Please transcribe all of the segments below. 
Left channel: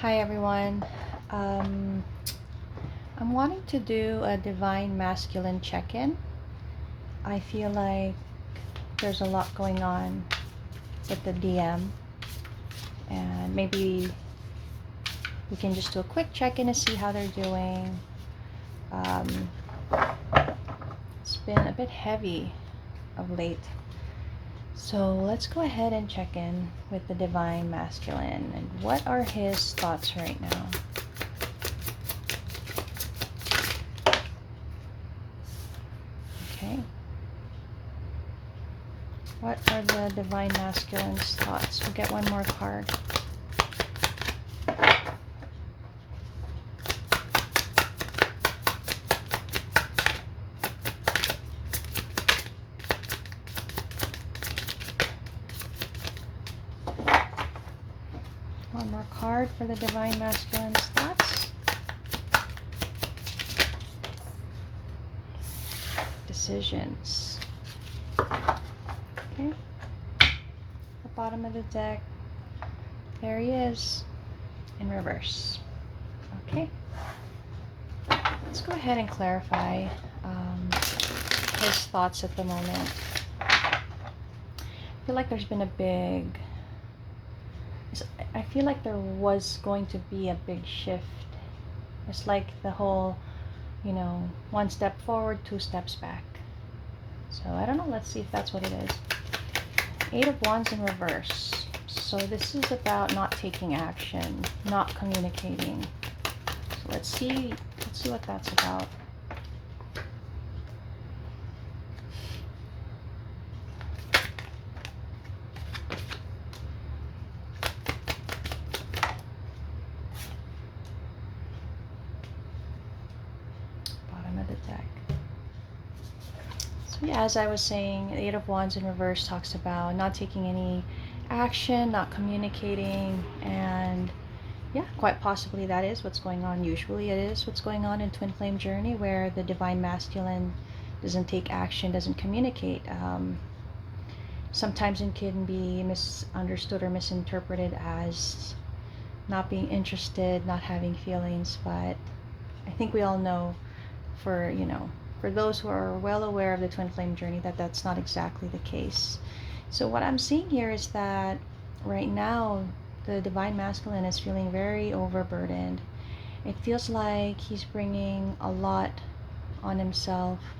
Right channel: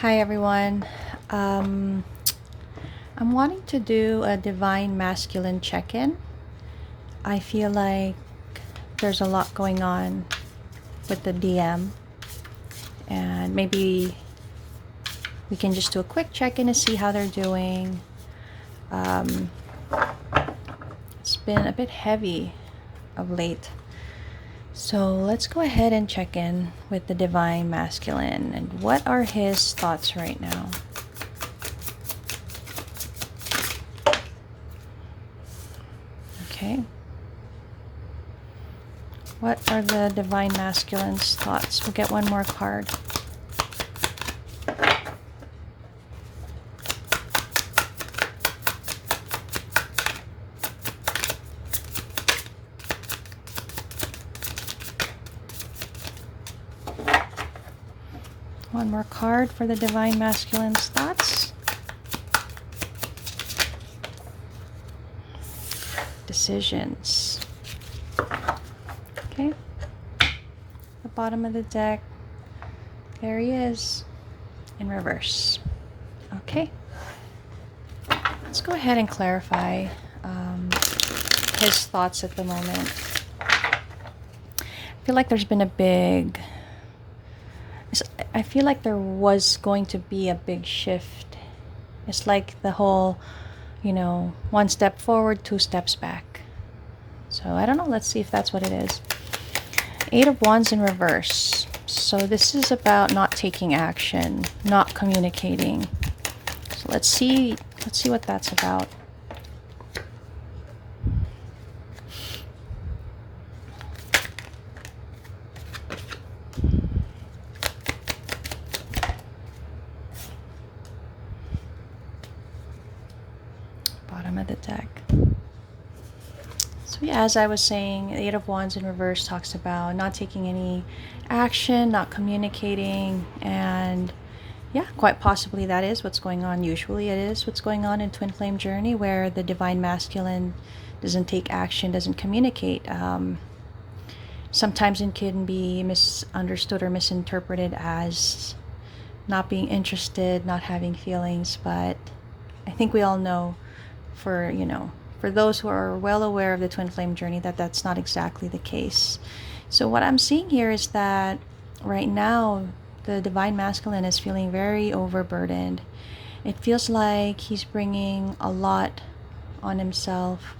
Hi everyone. I'm wanting to do a divine masculine check-in. I feel like there's a lot going on with the DM, and maybe we can just do a quick check-in to see how they're doing. Um, it's been a bit heavy of late. So let's go ahead and check in with the divine masculine and what are his thoughts right now. Okay. What are the divine masculine's thoughts? We'll get one more card. One more card for the divine masculine's thoughts. Decisions. Okay. The bottom of the deck. There he is in reverse. Okay. Let's go ahead and clarify his thoughts at the moment. I feel like there's been a big... I feel like there was going to be a big shift. It's like the whole, one step forward, two steps back. So I don't know. Let's see if that's what it is. Eight of Wands in reverse. So this is about not taking action, not communicating. So let's see what that's about. Bottom of the deck. So yeah, as I was saying, Eight of Wands in reverse talks about not taking any action, not communicating, and yeah, quite possibly that is what's going on. Usually it is what's going on in twin flame journey, where the divine masculine doesn't take action, doesn't communicate. Sometimes it can be misunderstood or misinterpreted as not being interested, not having feelings, but I think we all know, for those who are well aware of the twin flame journey, that that's not exactly the case. So what I'm seeing here is that right now the divine masculine is feeling very overburdened. It feels like he's bringing a lot on himself.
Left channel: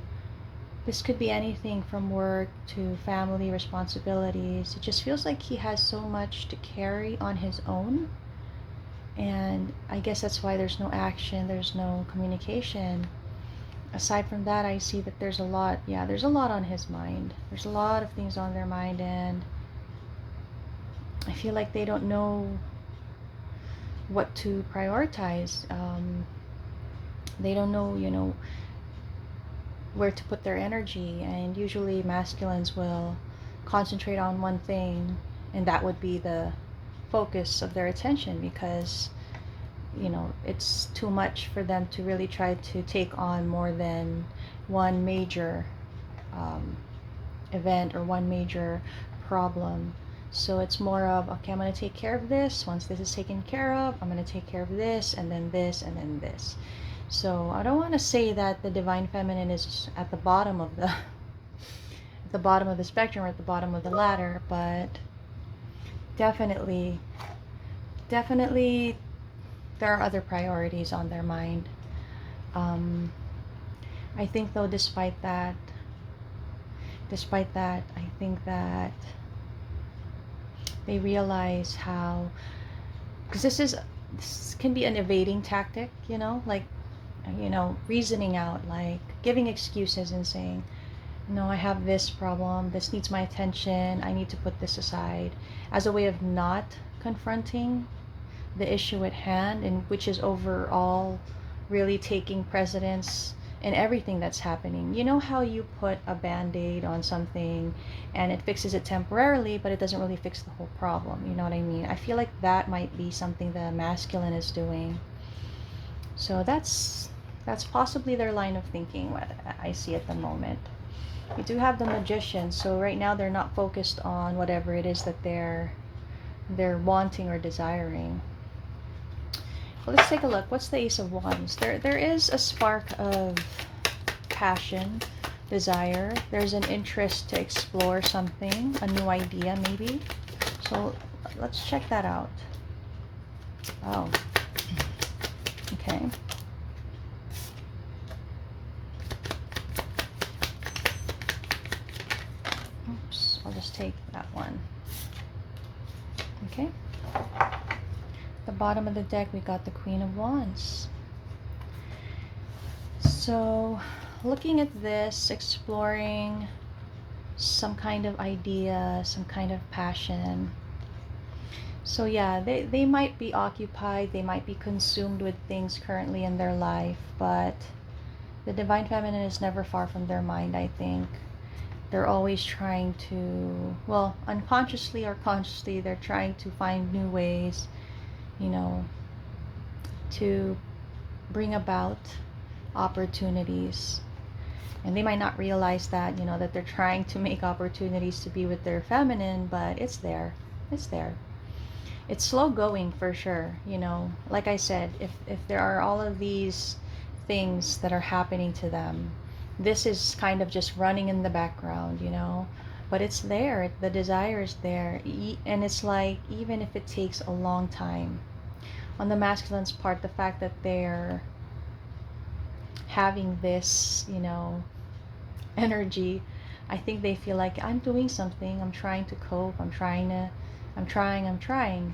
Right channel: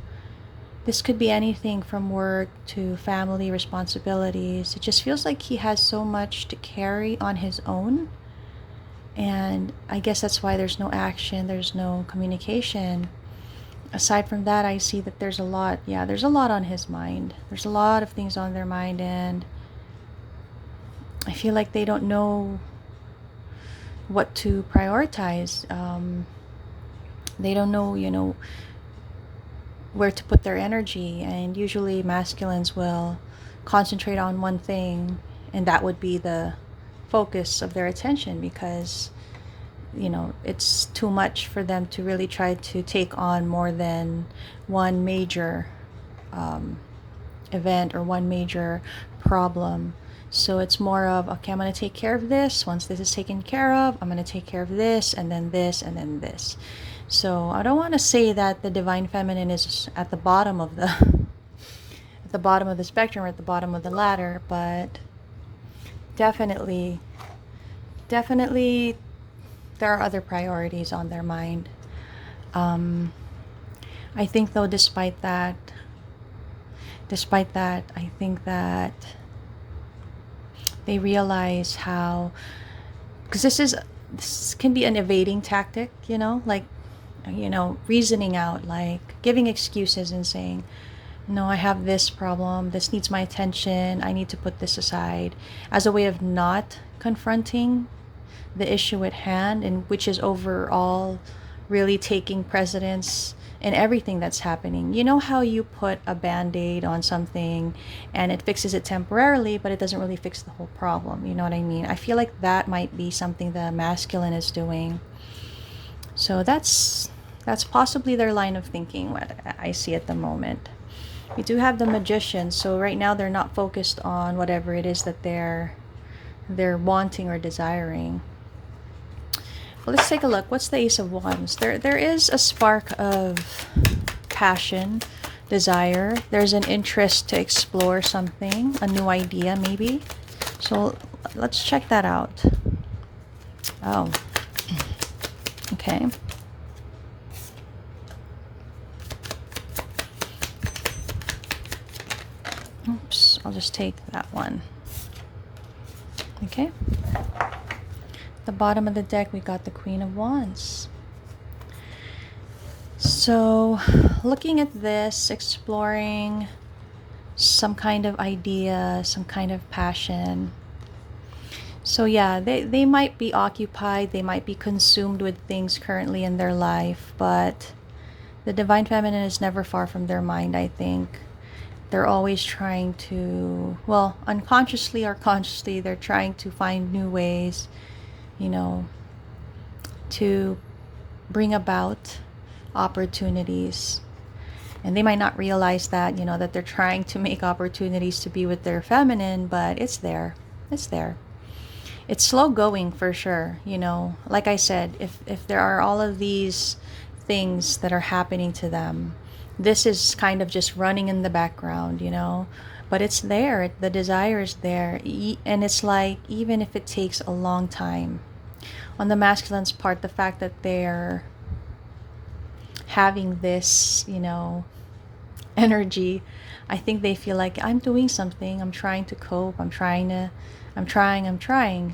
This could be anything from work to family responsibilities. It just feels like he has so much to carry on his own. And I guess that's why there's no action, there's no communication. Aside from that, I see that there's a lot on his mind. There's a lot of things on their mind, and I feel like they don't know what to prioritize. They don't know, where to put their energy, and usually masculines will concentrate on one thing, and that would be the focus of their attention, because it's too much for them to really try to take on more than one major event or one major problem. So it's more of, okay, I'm going to take care of this. Once this is taken care of, I'm going to take care of this, and then this, and then this. So I don't want to say that the divine feminine is at the bottom of the at the bottom of the spectrum or at the bottom of the ladder, but definitely there are other priorities on their mind. I think though, despite that, I think that they realize how, because this can be an evading tactic, reasoning out, like giving excuses and saying, no, I have this problem, this needs my attention, I need to put this aside, as a way of not confronting the issue at hand, and which is overall really taking precedence in everything that's happening. You know how you put a band-aid on something and it fixes it temporarily, but it doesn't really fix the whole problem. You know what I mean? I feel like that might be something the masculine is doing. So that's possibly their line of thinking, what I see at the moment. We do have the Magician, so right now they're not focused on whatever it is that they're wanting or desiring. let's take a look. What's the Ace of Wands? There is a spark of passion, desire. There's an interest to explore something, a new idea maybe. So let's check that out. Oh, okay. Oops, I'll just take that one. Okay. The bottom of the deck, we got the Queen of Wands. So looking at this, exploring some kind of idea, some kind of passion. So yeah, they might be occupied, they might be consumed with things currently in their life, but the Divine Feminine is never far from their mind, I think. They're always trying to, well, unconsciously or consciously, they're trying to find new ways, you know, to bring about opportunities. And they might not realize that, you know, that they're trying to make opportunities to be with their feminine, but it's there. It's there. It's slow going for sure, you know. Like I said, if there are all of these things that are happening to them, this is kind of just running in the background, you know, but it's there. The desire is there. And it's like, even if it takes a long time, on the masculine's part, the fact that they're having this, you know, energy, I think they feel like I'm doing something, I'm trying to cope, I'm trying,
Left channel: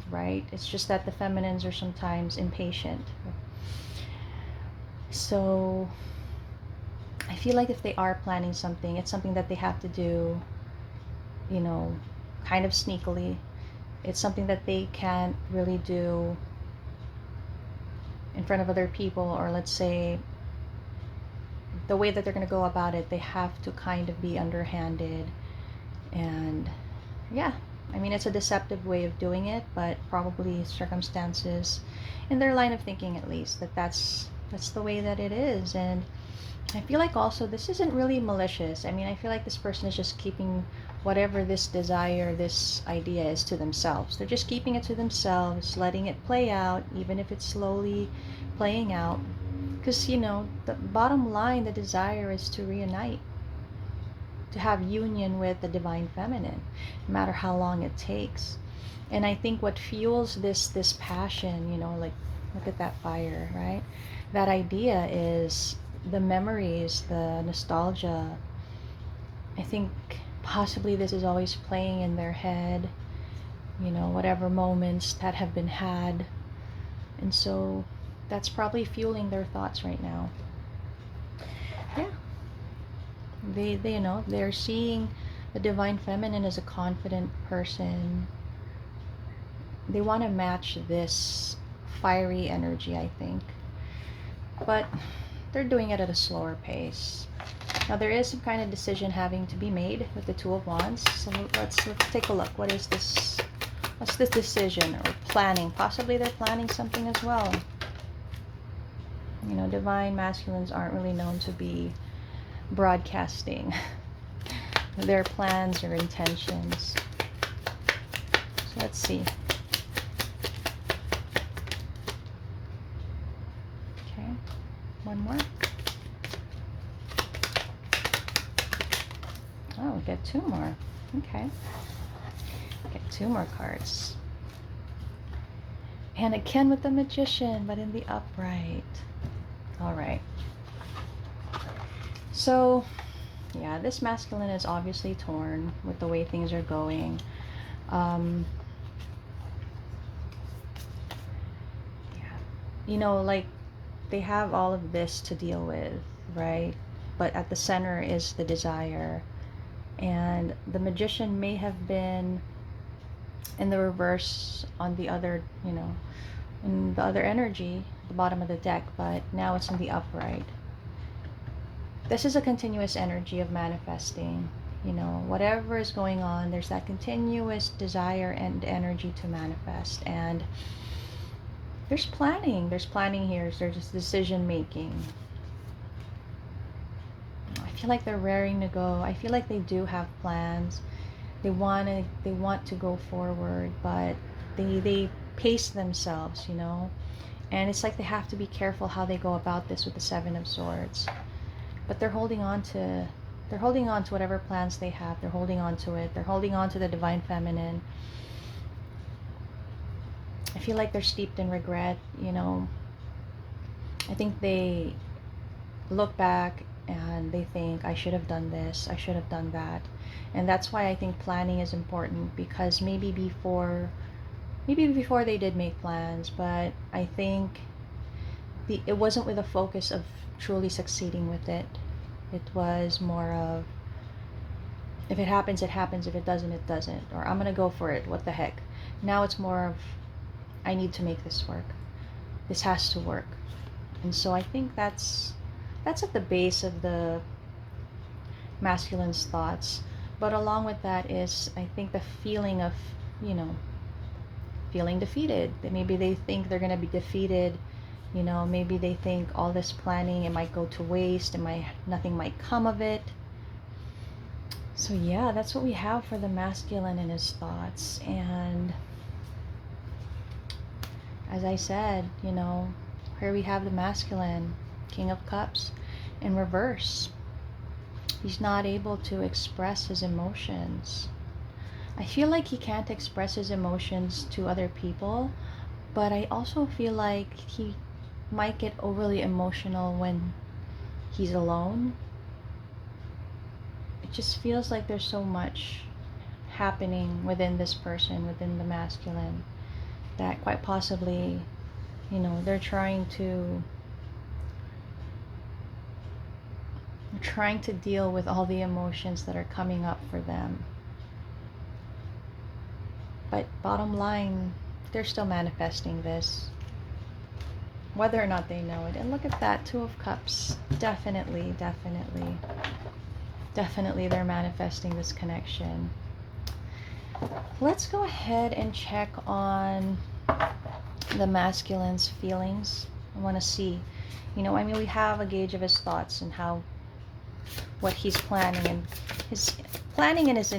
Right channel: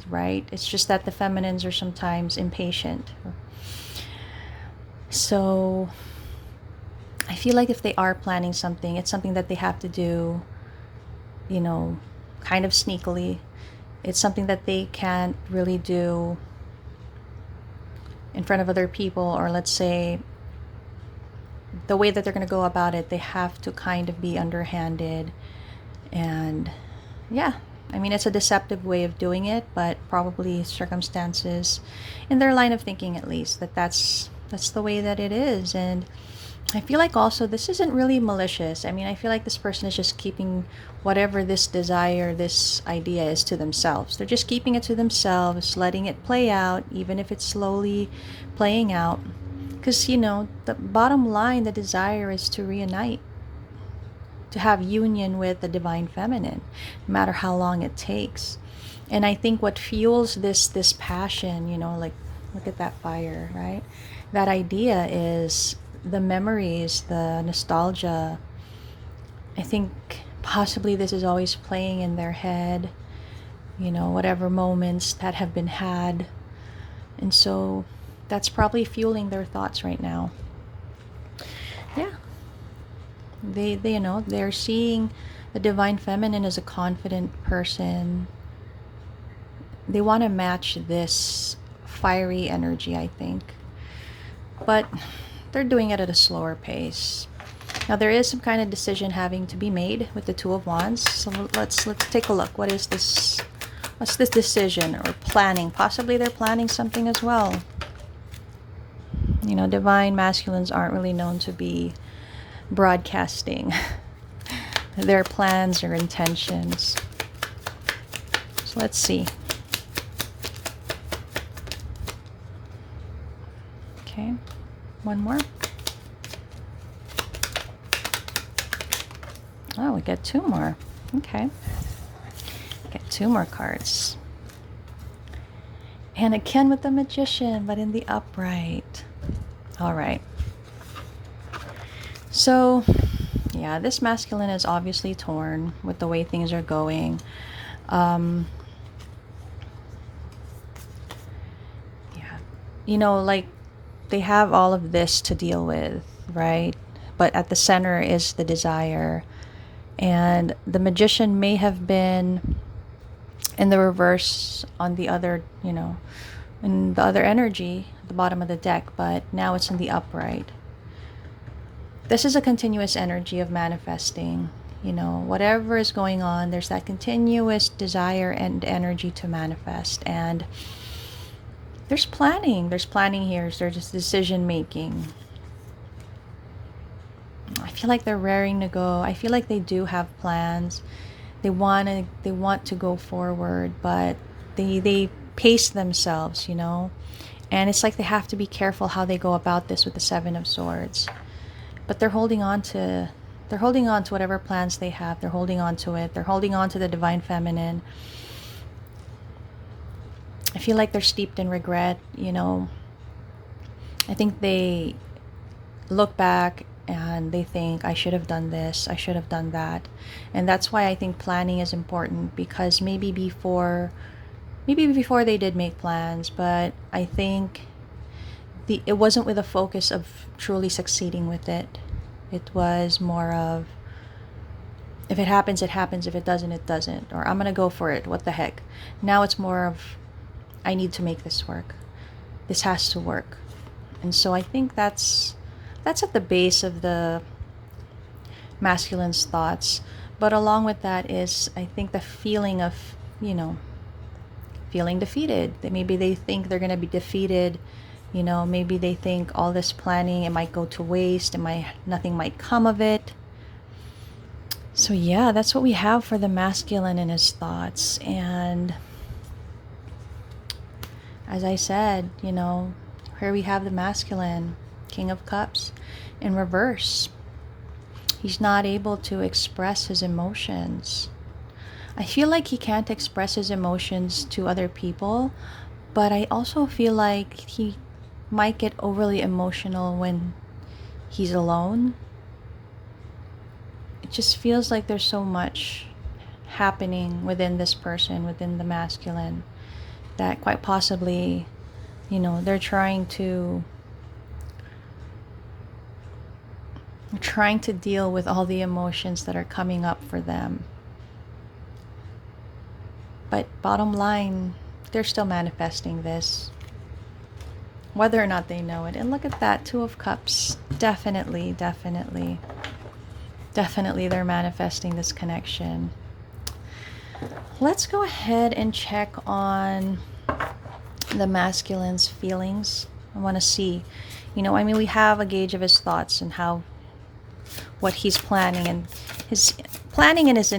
right? It's just that the feminines are sometimes impatient. So I feel like if they are planning something, it's something that they have to do, you know, kind of sneakily. It's something that they can't really do in front of other people, or let's say the way that they're going to go about it, they have to kind of be underhanded. And yeah, I mean, it's a deceptive way of doing it, but probably circumstances in their line of thinking, at least, that's the way that it is. And I feel like also this isn't really malicious. I mean, I feel like this person is just keeping whatever this desire, this idea is, to themselves. They're just keeping it to themselves, letting it play out, even if it's slowly playing out. Because, you know, the bottom line, the desire is to reunite, to have union with the Divine Feminine, no matter how long it takes. And I think what fuels this passion, you know, like, look at that fire, right? That idea is the memories, the nostalgia. I think possibly this is always playing in their head, you know, whatever moments that have been had. And so that's probably fueling their thoughts right now. Yeah. They you know, they're seeing the Divine Feminine as a confident person. They want to match this fiery energy, I think. But they're doing it at a slower pace. Now there is some kind of decision having to be made with the Two of Wands. So let's take a look. What is this? What's this decision or planning? Possibly they're planning something as well. You know, divine masculines aren't really known to be broadcasting their plans or intentions. So let's see. Okay, one more. Oh, we get two more. Okay, get two more cards. And again with the Magician, but in the upright. All right. So, yeah, this masculine is obviously torn with the way things are going. Yeah, you know, like, they have all of this to deal with, right? But at the center is the desire. And the Magician may have been in the reverse on the other, you know, in the other energy, the bottom of the deck, but now it's in the upright. This is a continuous energy of manifesting. You know, whatever is going on, there's that continuous desire and energy to manifest. And there's planning here. There's decision making. I feel like they're raring to go. I feel like they do have plans. They want to go forward, but they pace themselves, you know. And it's like they have to be careful how they go about this with the Seven of Swords. But they're holding on to whatever plans they have. They're holding on to it. They're holding on to the divine feminine. I feel like they're steeped in regret, you know. I think they look back and they think, I should have done this, I should have done that. And that's why I think planning is important, because maybe before they did make plans, but I think it wasn't with a focus of truly succeeding with it. It was more of, if it happens, it happens. If it doesn't, it doesn't. Or I'm going to go for it. What the heck? Now it's more of, I need to make this work. This has to work. And so I think that's at the base of the masculine's thoughts. But along with that is, I think, the feeling of, you know, feeling defeated. That maybe they think they're going to be defeated. You know, maybe they think all this planning, it might go to waste. Nothing might come of it. So yeah, that's what we have for the masculine and his thoughts. And as I said, you know, here we have the masculine, King of Cups, in reverse. He's not able to express his emotions. I feel like he can't express his emotions to other people, but I also feel like he might get overly emotional when he's alone. It just feels like there's so much happening within this person, within the masculine, that quite possibly, you know, they're trying to deal with all the emotions that are coming up for them. But bottom line, they're still manifesting this, whether or not they know it. And look at that, Two of Cups. Definitely they're manifesting this connection. Let's go ahead and check on the masculine's feelings. I want to see, you know, I mean, we have a gauge of his thoughts and what he's planning, and his planning in his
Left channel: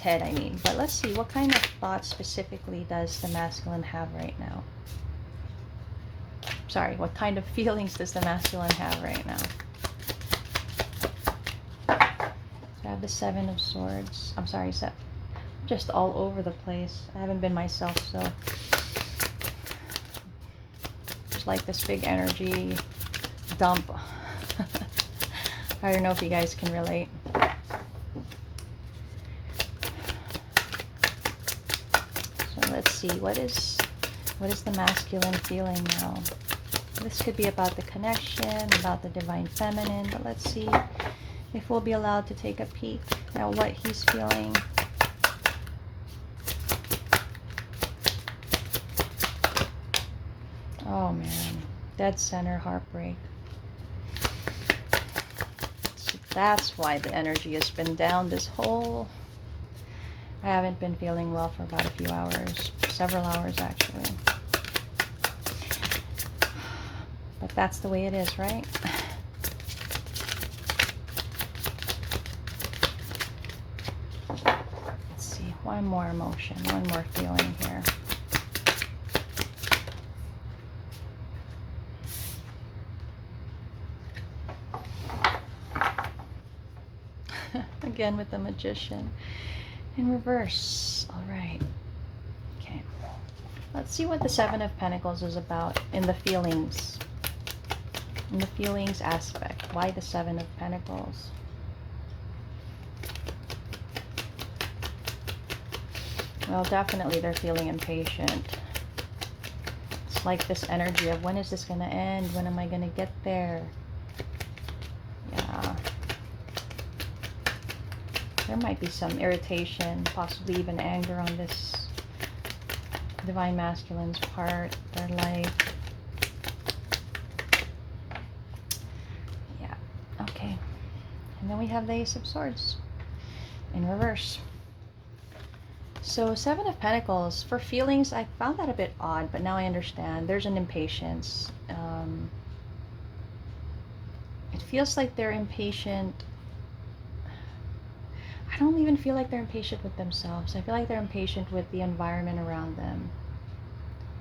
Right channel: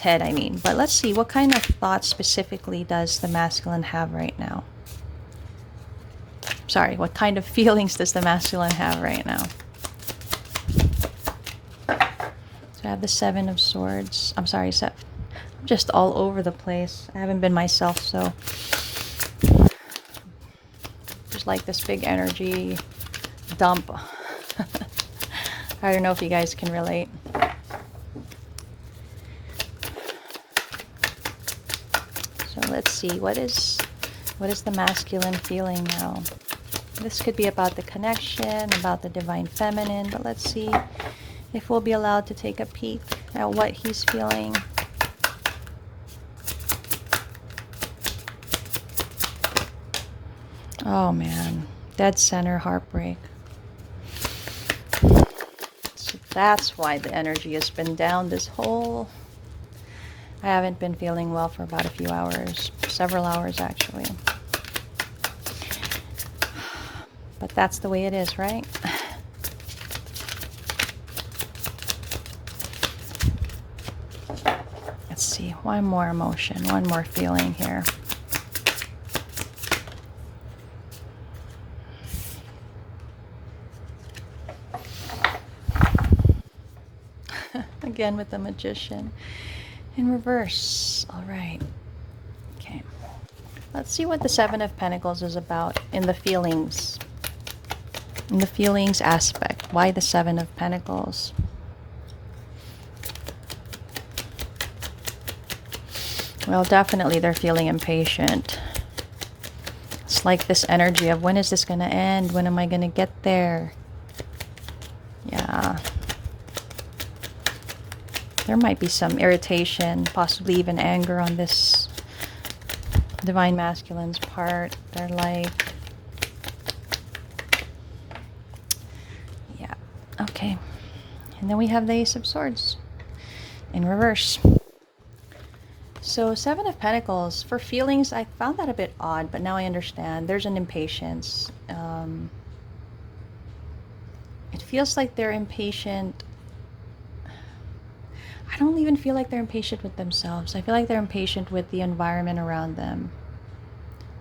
head, I mean. But let's see, what kind of thoughts specifically does the masculine have right now? Sorry, what kind of feelings does the masculine have right now? So I have the Seven of Swords. I'm sorry, I'm just all over the place. I haven't been myself, so just like this big energy dump. I don't know if you guys can relate. So let's see, what is the masculine feeling now? This could be about the connection, about the divine feminine, but let's see if we'll be allowed to take a peek at what he's feeling. Oh man, dead center, heartbreak. So that's why the energy has been down this whole... I haven't been feeling well for about a few hours, several hours actually. But that's the way it is, right? Let's see, one more emotion, one more feeling here. Again with the Magician in reverse. All right. Okay. Let's see what the Seven of Pentacles is about in the feelings. In the feelings aspect. Why the Seven of Pentacles? Well, definitely they're feeling impatient. It's like this energy of, when is this going to end? When am I going to get there? Yeah. There might be some irritation, possibly even anger on this divine masculine's part. They're like, yeah, okay. And then we have the Ace of Swords in reverse. So Seven of Pentacles, for feelings, I found that a bit odd, but now I understand. There's an impatience. It feels like they're impatient. I don't even feel like they're impatient with themselves. I feel like they're impatient with the environment around them.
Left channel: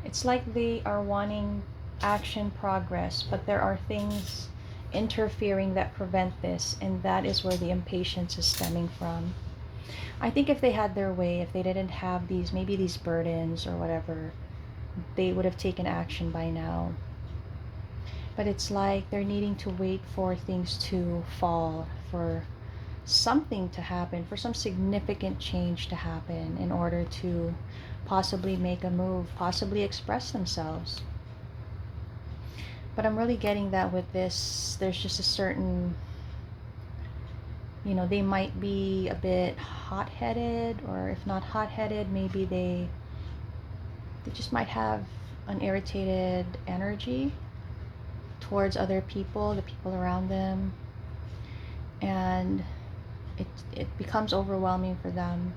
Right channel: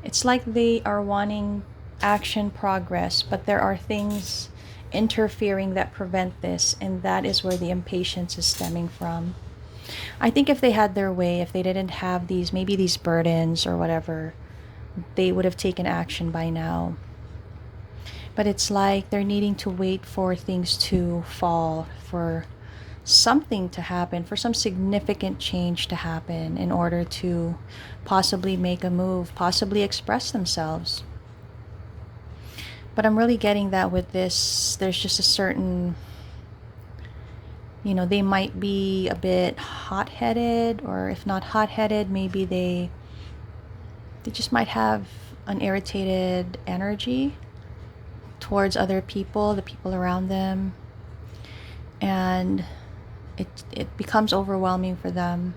It's like they are wanting action progress, but there are things interfering that prevent this, and that is where the impatience is stemming from. I think if they had their way, if they didn't have these, maybe these burdens or whatever, they would have taken action by now. But it's like they're needing to wait for things to fall, for something to happen, for some significant change to happen in order to possibly make a move, possibly express themselves. But I'm really getting that with this, there's just a certain, they might be a bit hot-headed, or if not hot-headed, maybe they just might have an irritated energy towards other people, the people around them, and it becomes overwhelming for them.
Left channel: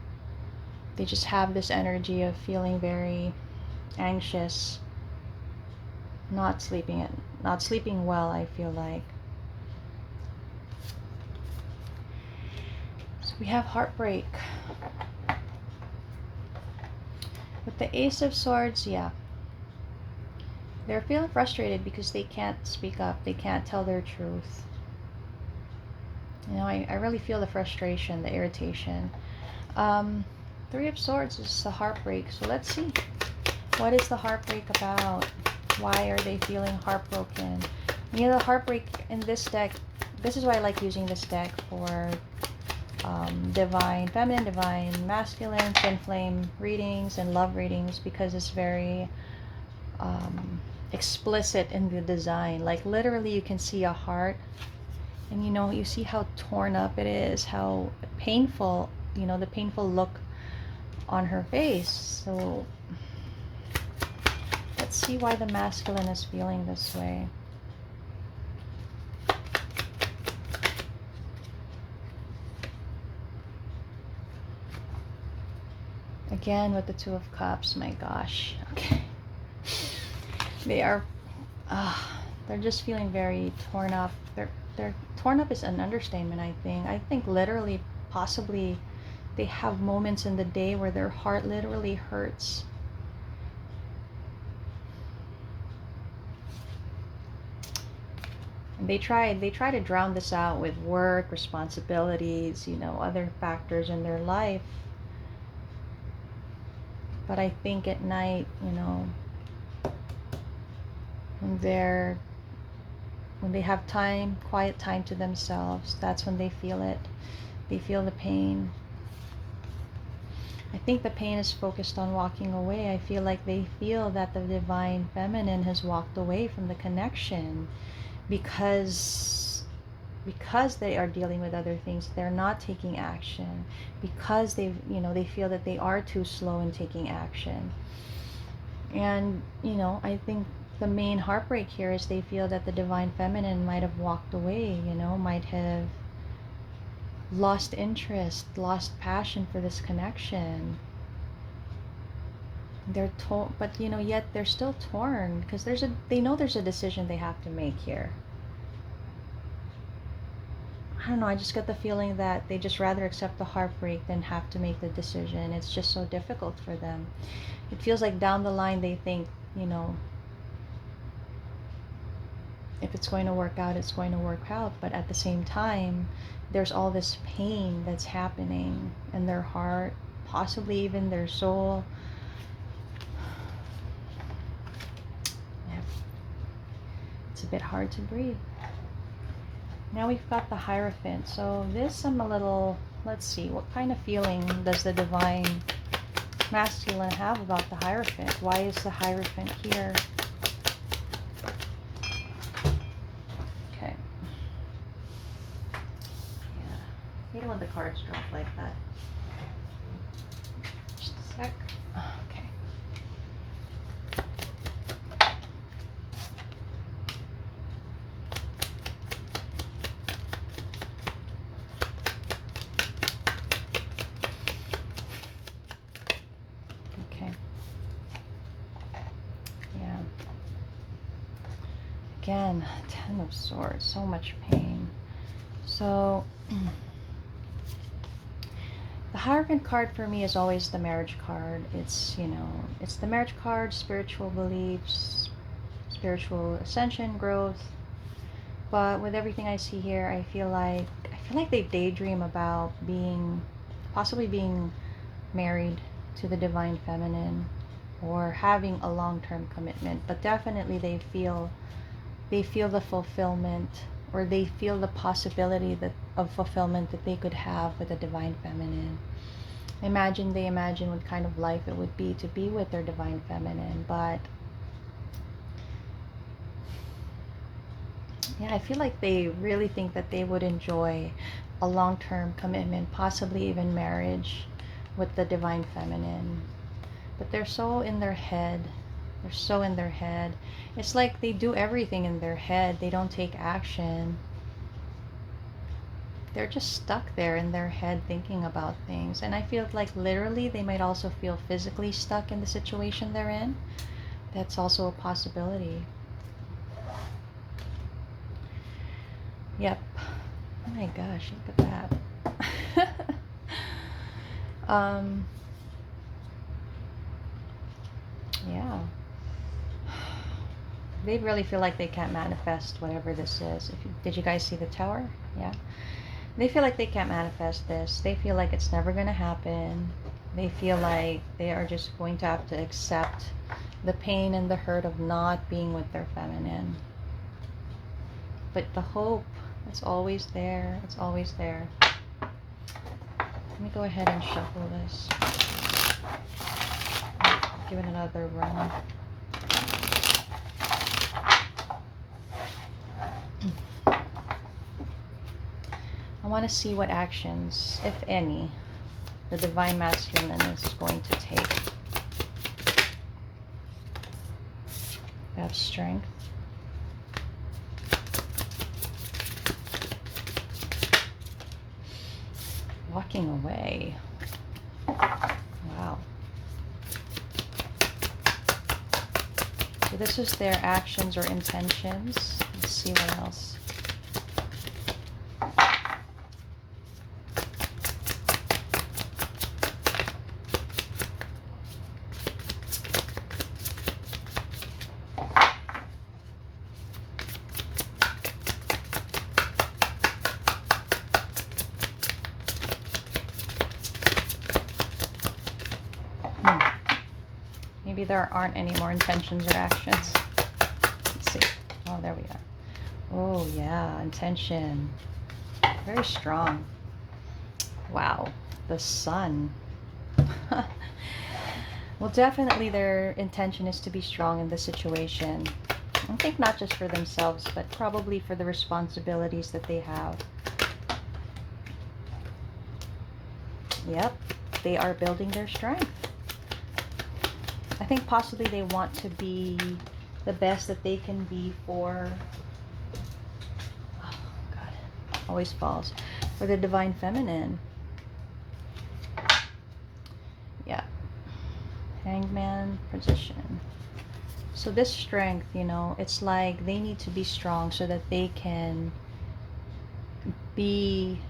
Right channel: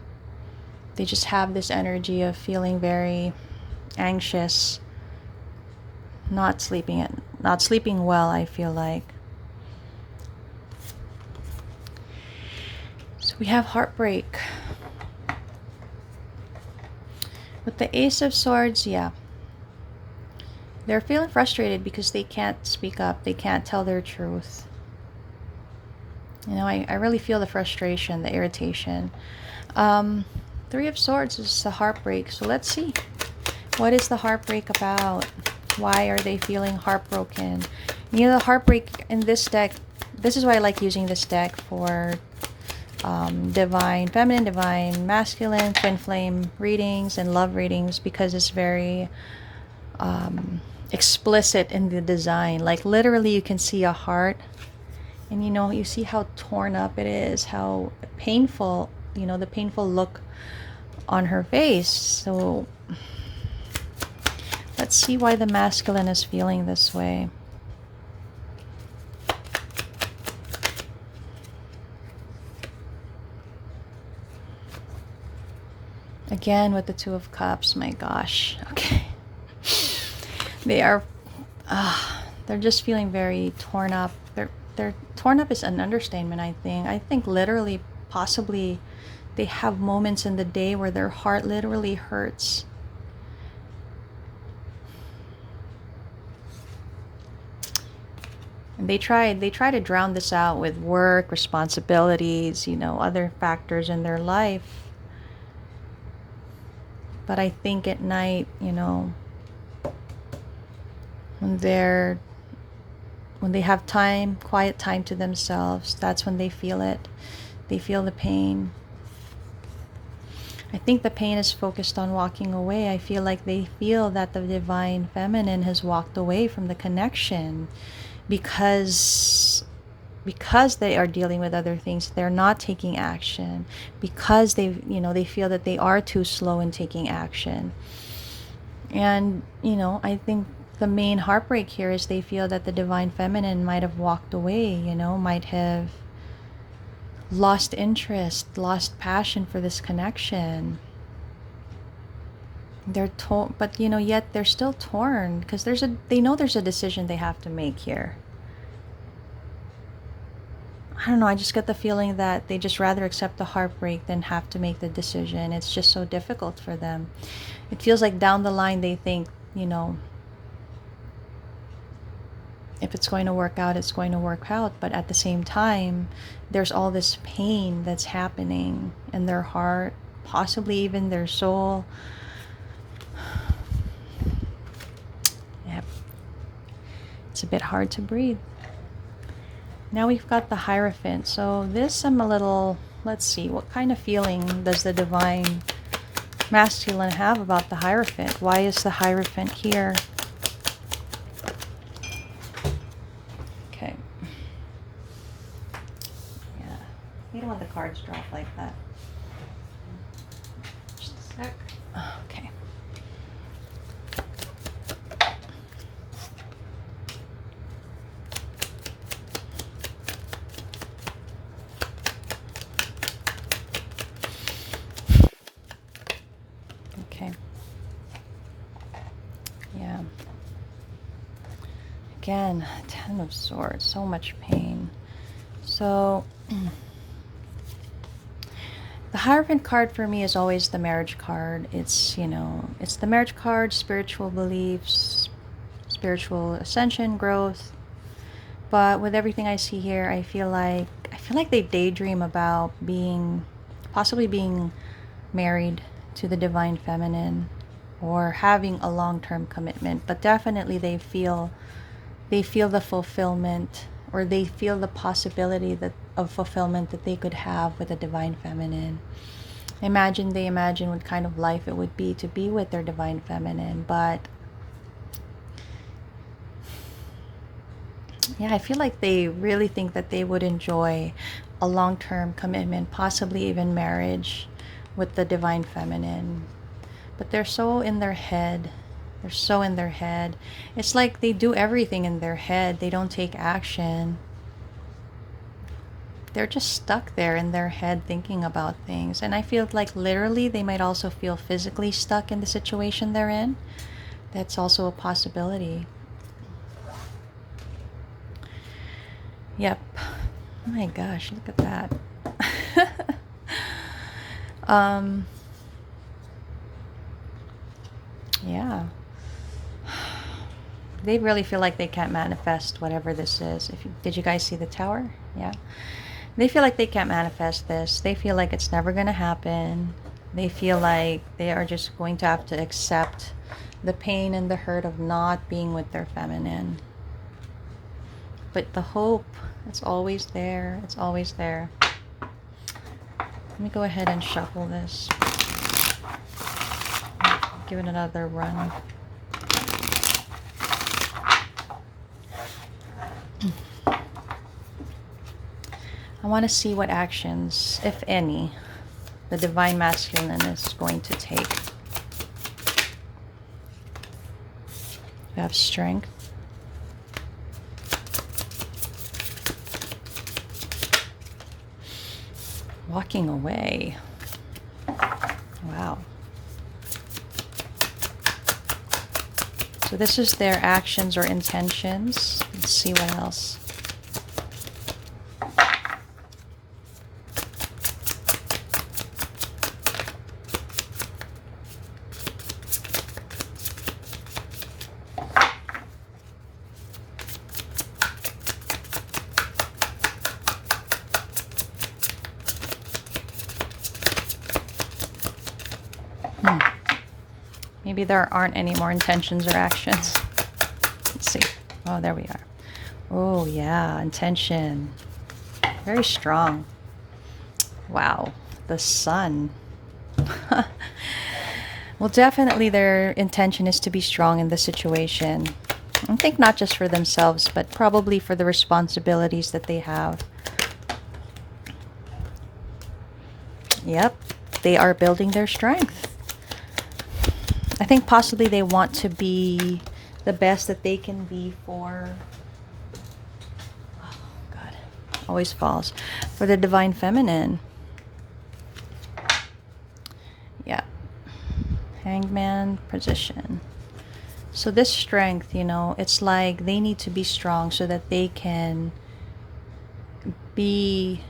They just have this energy of feeling very anxious, not sleeping well, I feel like. So we have heartbreak. With the Ace of Swords, yeah. They're feeling frustrated because they can't speak up. They can't tell their truth. I really feel the frustration, the irritation. Three of Swords is the heartbreak. So let's see. What is the heartbreak about? Why are they feeling heartbroken? The heartbreak in this deck, this is why I like using this deck for divine, feminine, divine, masculine, twin flame readings and love readings, because it's very explicit in the design. Like literally you can see a heart, and you see how torn up it is, how painful, the painful look on her face. So let's see why the masculine is feeling this way. Again with the Two of Cups, my gosh. Okay. They're just feeling very torn up. They're torn up is an understatement, I think. I think literally, possibly, they have moments in the day where their heart literally hurts. And they try to drown this out with work, responsibilities, other factors in their life. But I think at night, when they have time, quiet time to themselves, that's when they feel it. They feel the pain. I think the pain is focused on walking away. I feel like they feel that the divine feminine has walked away from the connection because they are dealing with other things. They're not taking action because they feel that they are too slow in taking action. And I think the main heartbreak here is they feel that the divine feminine might have walked away, might have lost interest, lost passion for this connection. They're torn, but yet they're still torn because they know there's a decision they have to make here. I don't know, I just get the feeling that they just rather accept the heartbreak than have to make the decision. It's just so difficult for them. It feels like down the line they think, if it's going to work out, it's going to work out. But at the same time, there's all this pain that's happening in their heart, possibly even their soul. Yep. It's a bit hard to breathe. Now we've got the Hierophant. So this I'm a little, let's see, what kind of feeling does the divine masculine have about the Hierophant? Why is the Hierophant here? Okay. Yeah. You don't want the cards drop like that. Just a sec. Okay. Okay. Yeah. Again, Ten of Swords, so much pain. So the The Hierophant card for me is always the marriage card. It's, it's the marriage card, spiritual beliefs, spiritual ascension, growth. But with everything I see here, I feel like they daydream about possibly being married to the divine feminine or having a long-term commitment, but definitely they feel the fulfillment, or they feel the possibility of fulfillment that they could have with the divine feminine. They imagine what kind of life it would be to be with their divine feminine. But yeah, I feel like they really think that they would enjoy a long-term commitment, possibly even marriage with the divine feminine. But they're so in their head. They're so in their head. It's like they do everything in their head. They don't take action. They're just stuck there in their head thinking about things. And I feel like literally they might also feel physically stuck in the situation they're in. That's also a possibility. Yep. Oh my gosh, look at that. Yeah. They really feel like they can't manifest whatever this is. Did you guys see the tower? Yeah. They feel like they can't manifest this. They feel like it's never going to happen. They feel like they are just going to have to accept the pain and the hurt of not being with their feminine. But the hope, it's always there. It's always there. Let me go ahead and shuffle this. Give it another run. I want to see what actions, if any, the divine masculine is going to take. We have strength. Walking away. Wow. So this is their actions or intentions. Let's see what else. Maybe there aren't any more intentions or actions. Let's see. Oh, there we are. Oh, yeah, intention. Very strong. Wow, the sun. Well, definitely their intention is to be strong in this situation. I think not just for themselves, but probably for the responsibilities that they have. Yep, they are building their strength. I think possibly they want to be the best that they can be for, oh God, always falls, for the divine feminine. Yeah. Hangman position. So this strength, it's like they need to be strong so that they can be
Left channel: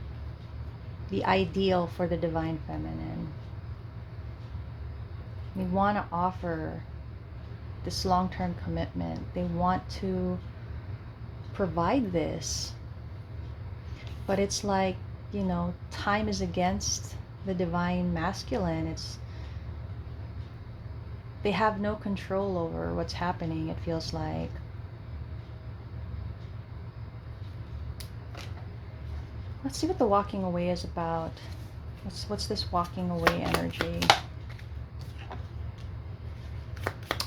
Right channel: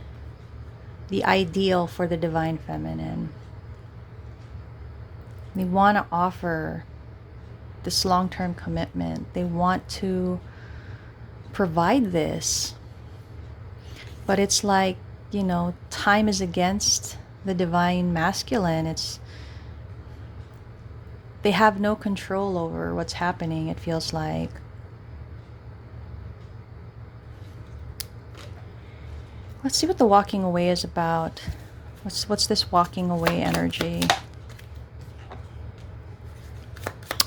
the ideal for the divine feminine. They want to offer this long-term commitment. They want to provide this. But it's like, time is against the divine masculine. They have no control over what's happening, it feels like. Let's see what the walking away is about. What's this walking away energy?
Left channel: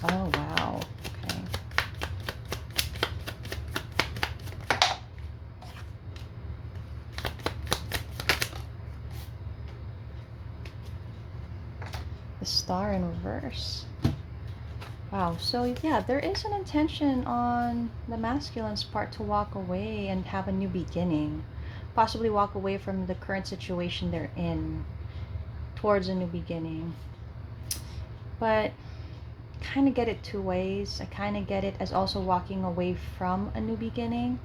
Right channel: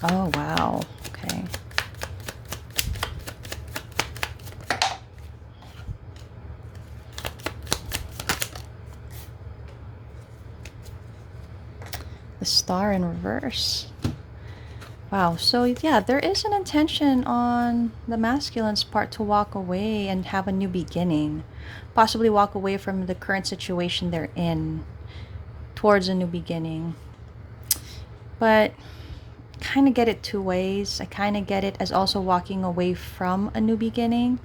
Oh, wow. Okay. The star in reverse. Wow. So, yeah, there is an intention on the masculine's part to walk away and have a new beginning. Possibly walk away from the current situation they're in towards a new beginning. But kind of get it two ways. I kind of get it as also walking away from a new beginning,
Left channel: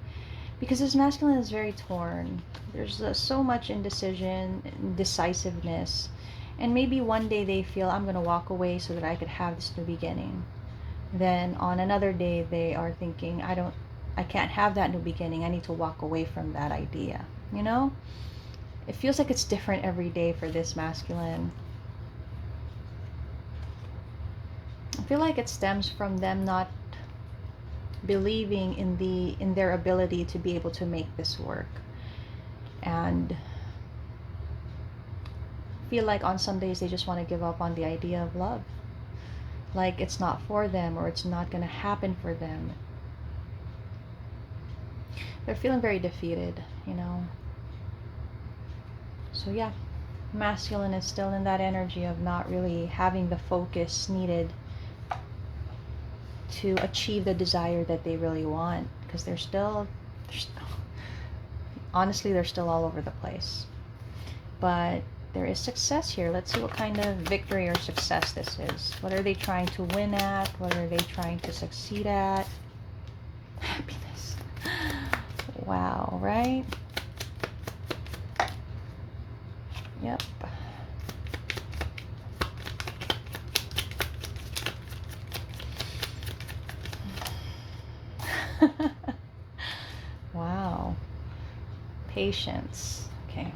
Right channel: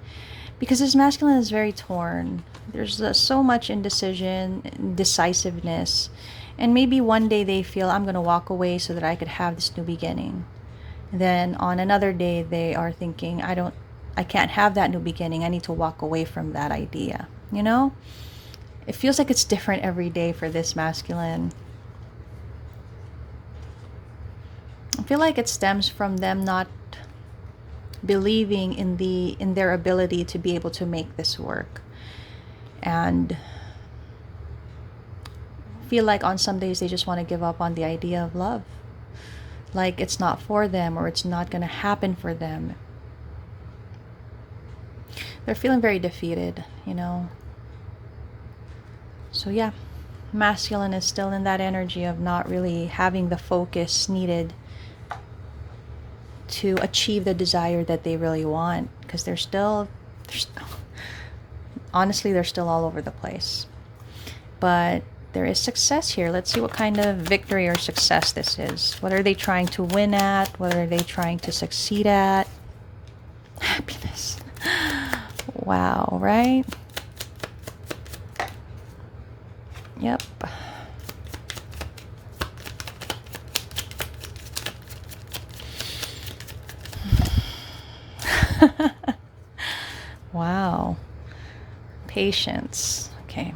because this masculine is very torn. There's so much indecision, indecisiveness, and maybe one day they feel, I'm going to walk away so that I could have this new beginning. Then on another day they are thinking, I can't have that new beginning. I need to walk away from that idea. You know? It feels like it's different every day for this masculine. I feel like it stems from them not believing in their ability to be able to make this work. And feel like on some days they just want to give up on the idea of love. Like it's not for them, or it's not going to happen for them. They're feeling very defeated, you know. So yeah, masculine is still in that energy of not really having the focus needed to achieve the desire that they really want, because honestly, they're still all over the place. But there is success here. Let's see what kind of victory or success this is. What are they trying to win at? What are they trying to succeed at? Happiness. Wow, right? Yep. Wow. Patience. Okay.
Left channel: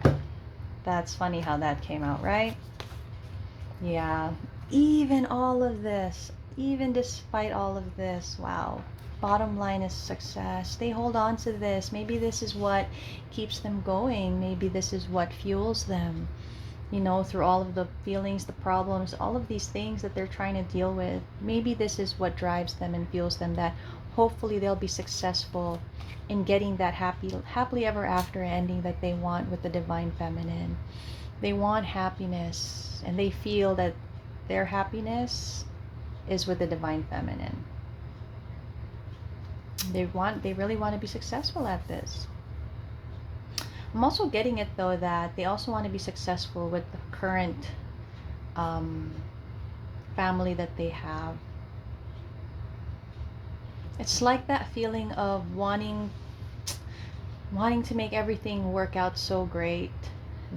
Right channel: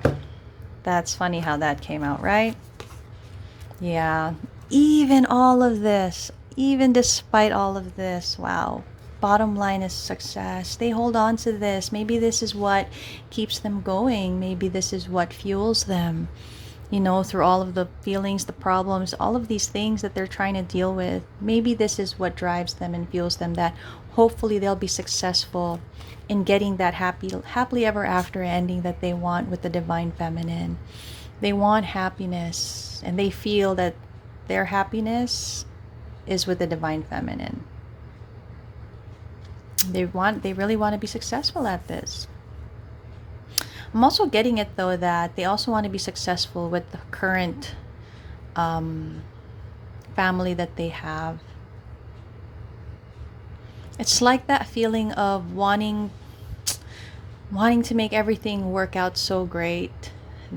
That's funny how that came out, right? Yeah. Even all of this, even despite all of this, wow. Bottom line is success. They hold on to this. Maybe this is what keeps them going. Maybe this is what fuels them, you know, through all of the feelings, the problems, all of these things that they're trying to deal with. Maybe this is what drives them and fuels them, that hopefully they'll be successful in getting that happily ever after ending that they want with the divine feminine. They want happiness, and they feel that their happiness is with the divine feminine. They really want to be successful at this. I'm also getting it though that they also want to be successful with the current family that they have. It's like that feeling of wanting to make everything work out so great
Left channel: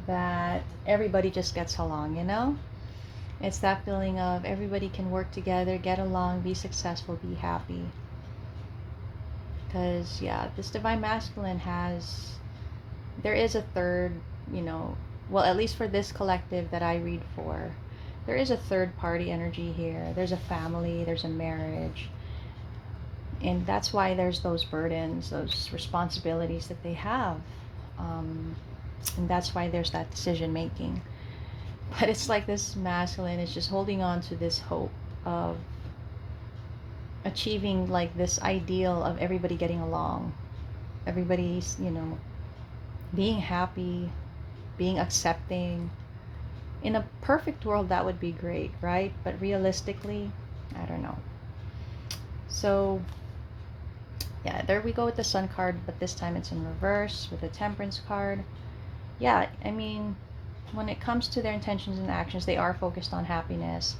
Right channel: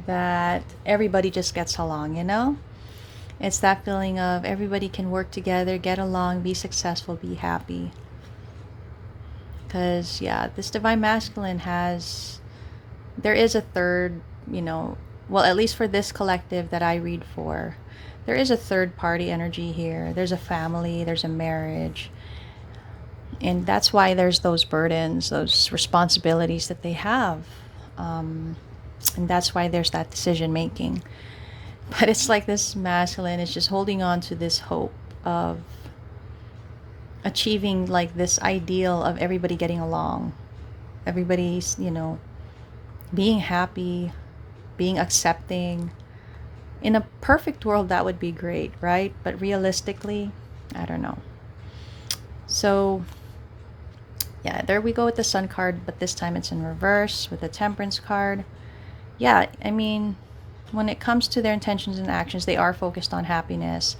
that everybody just gets along, you know? It's that feeling of everybody can work together, get along, be successful, be happy. Because yeah, this divine masculine there is a third, you know, well, at least for this collective that I read for, there is a third party energy here. There's a family, there's a marriage. And that's why there's those burdens, those responsibilities that they have. And that's why there's that decision making. But it's like this masculine is just holding on to this hope of achieving like this ideal of everybody getting along. Everybody's, you know, being happy, being accepting. In a perfect world, that would be great, right? But realistically, I don't know. So yeah, there we go with the Sun card, but this time it's in reverse with the Temperance card. Yeah, I mean, when it comes to their intentions and actions, they are focused on happiness.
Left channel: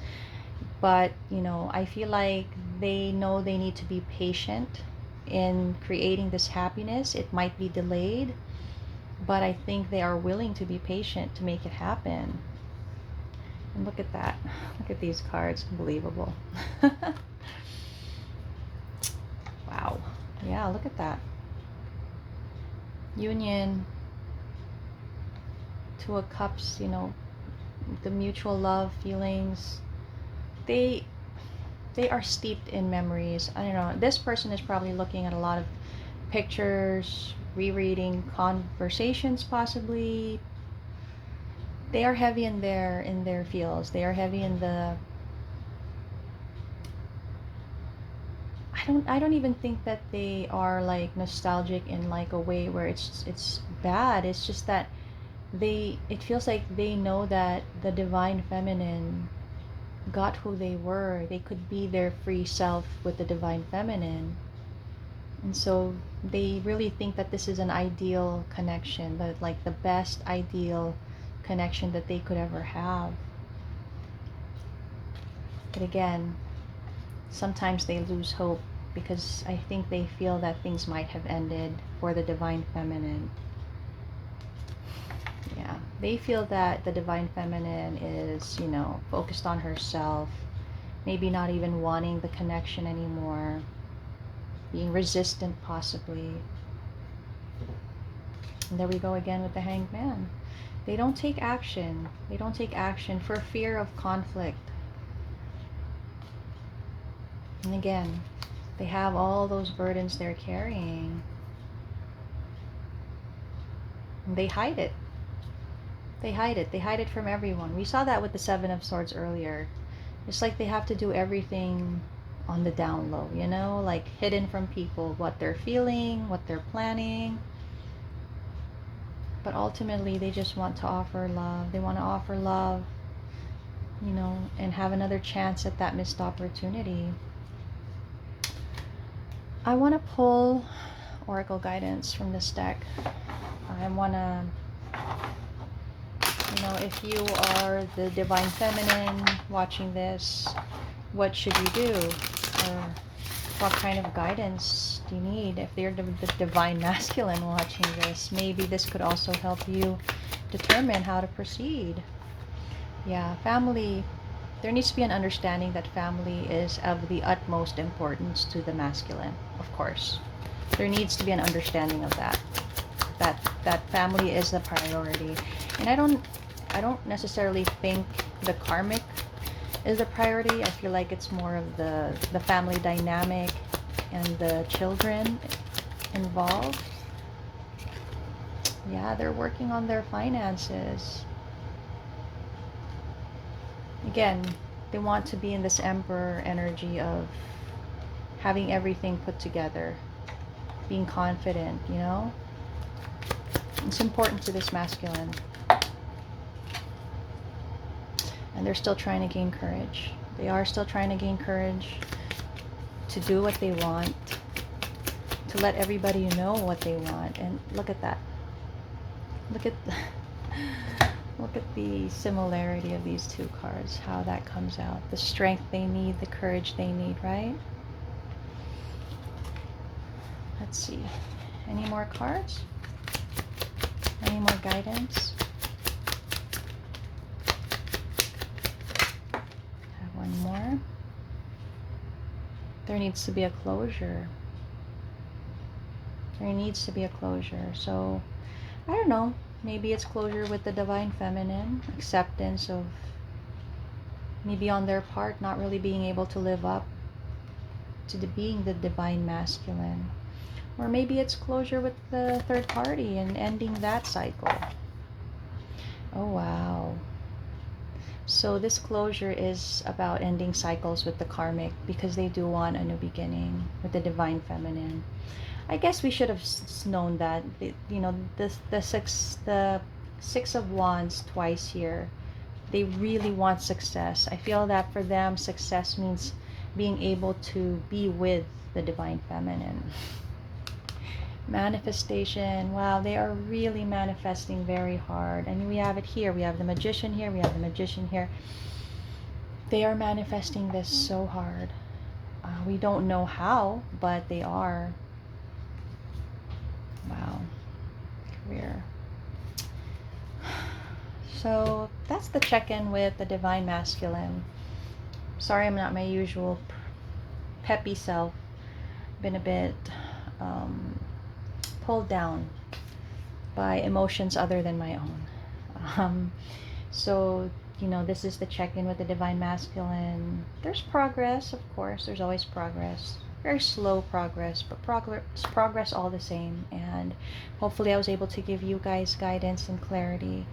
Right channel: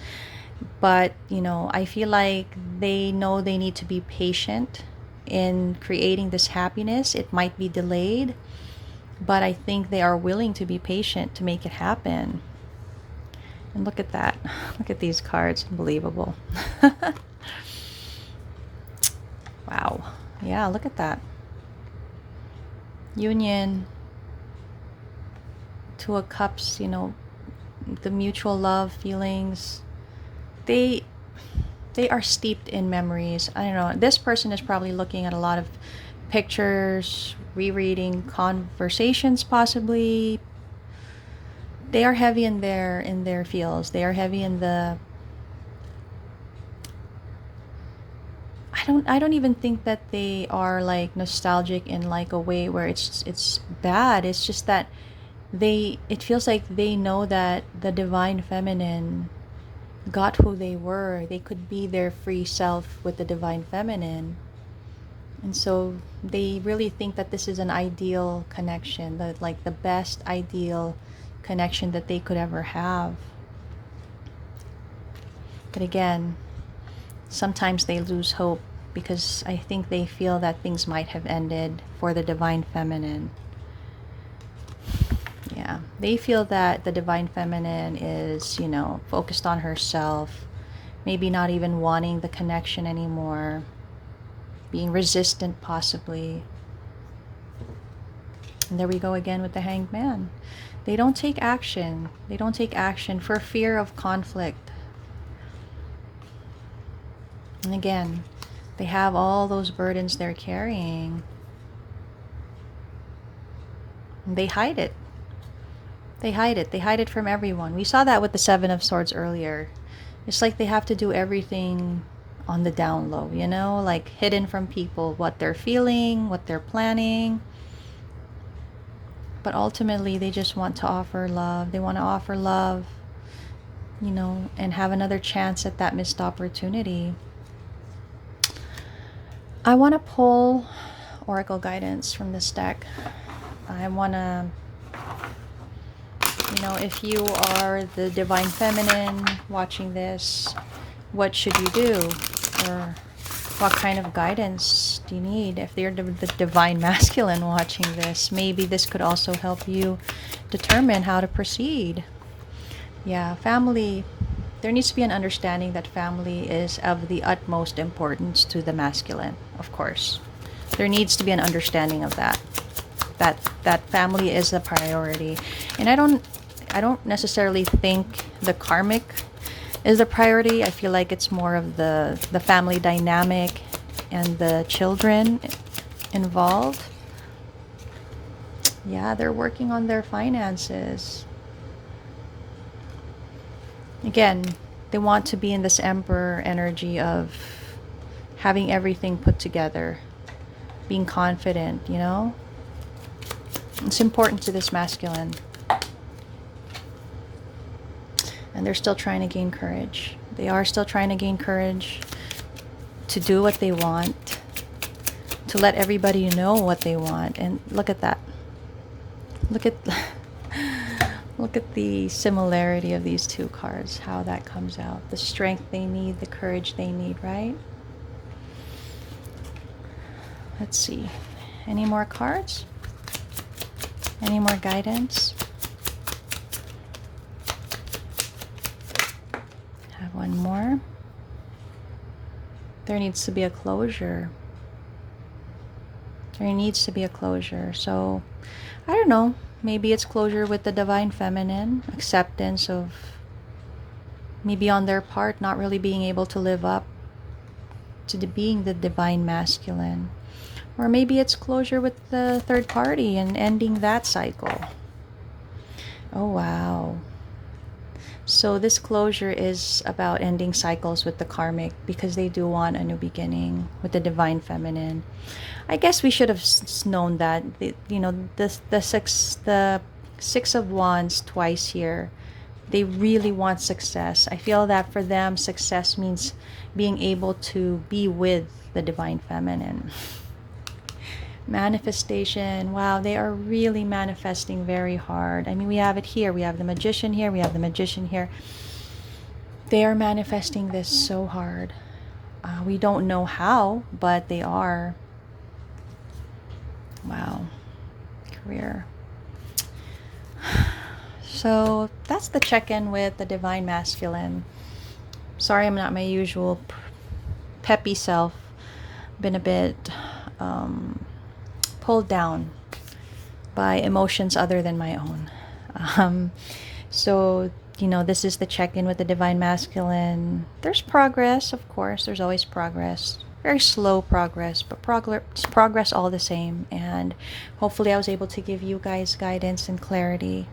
But, you know, I feel like they know they need to be patient in creating this happiness. It might be delayed, but I think they are willing to be patient to make it happen. And look at that. Look at these cards. Unbelievable. Wow. Yeah, look at that. Union. Two of Cups, you know, the mutual love feelings. They are steeped in memories. I don't know. This person is probably looking at a lot of pictures, rereading conversations possibly. They are heavy in their feels. They are heavy in the I don't even think that they are like nostalgic in like a way where it's bad. It's just that it feels like they know that the divine feminine got who they were. They could be their free self with the divine feminine. And so they really think that this is an ideal connection, like the best ideal connection that they could ever have. But again, sometimes they lose hope because I think they feel that things might have ended for the divine feminine. Yeah, they feel that the divine feminine is, focused on herself, maybe not even wanting the connection anymore, being resistant possibly. And there we go again with the Hanged Man. They don't take action. They don't take action for fear of conflict. And again, they have all those burdens they're carrying. And they hide it. They hide it. They hide it from everyone. We saw that with the Seven of Swords earlier. It's like they have to do everything on the down low, like hidden from people, what they're feeling, what they're planning. But ultimately, they just want to offer love. They want to offer love, and have another chance at that missed opportunity. I want to pull Oracle guidance from this deck. I want to, if you are the divine feminine watching this, what should you do? Or what kind of guidance do you need? If you're the divine masculine watching this, maybe this could also help you determine how to proceed. Yeah, family. There needs to be an understanding that family is of the utmost importance to the masculine, of course. There needs to be an understanding of that. That family is a priority. And I don't necessarily think the karmic is a priority. I feel like it's more of the family dynamic and the children involved. Yeah, they're working on their finances. Again, they want to be in this emperor energy of having everything put together, being confident, It's important to this masculine. And they're still trying to gain courage. They are still trying to gain courage to do what they want, to let everybody know what they want. And look at that. Look at the similarity of these two cards, how that comes out. The strength they need, the courage they need, right? Let's see. Any more cards? Any more guidance? Have one more. There needs to be a closure. There needs to be a closure. So, I don't know. Maybe it's closure with the divine feminine, acceptance of maybe on their part not really being able to live up to being the divine masculine. Or maybe it's closure with the third party and ending that cycle. Oh, wow. So this closure is about ending cycles with the karmic, because they do want a new beginning with the divine feminine. I guess we should have known that. The six of wands twice here. They really want success. I feel that for them, success means being able to be with the divine feminine. Manifestation. Wow, they are really manifesting very hard. I mean, we have it here. We have the magician here. We have the magician here. They are manifesting this so hard. We don't know how, but they are. Wow. Career. So that's the check-in with the divine masculine. Sorry, I'm not my usual peppy self. Been a bit pulled down by emotions other than my own. So, this is the check-in with the divine masculine. There's progress, of course. There's always progress. Very slow progress, but progress all the same. And hopefully I was able to give you guys guidance and clarity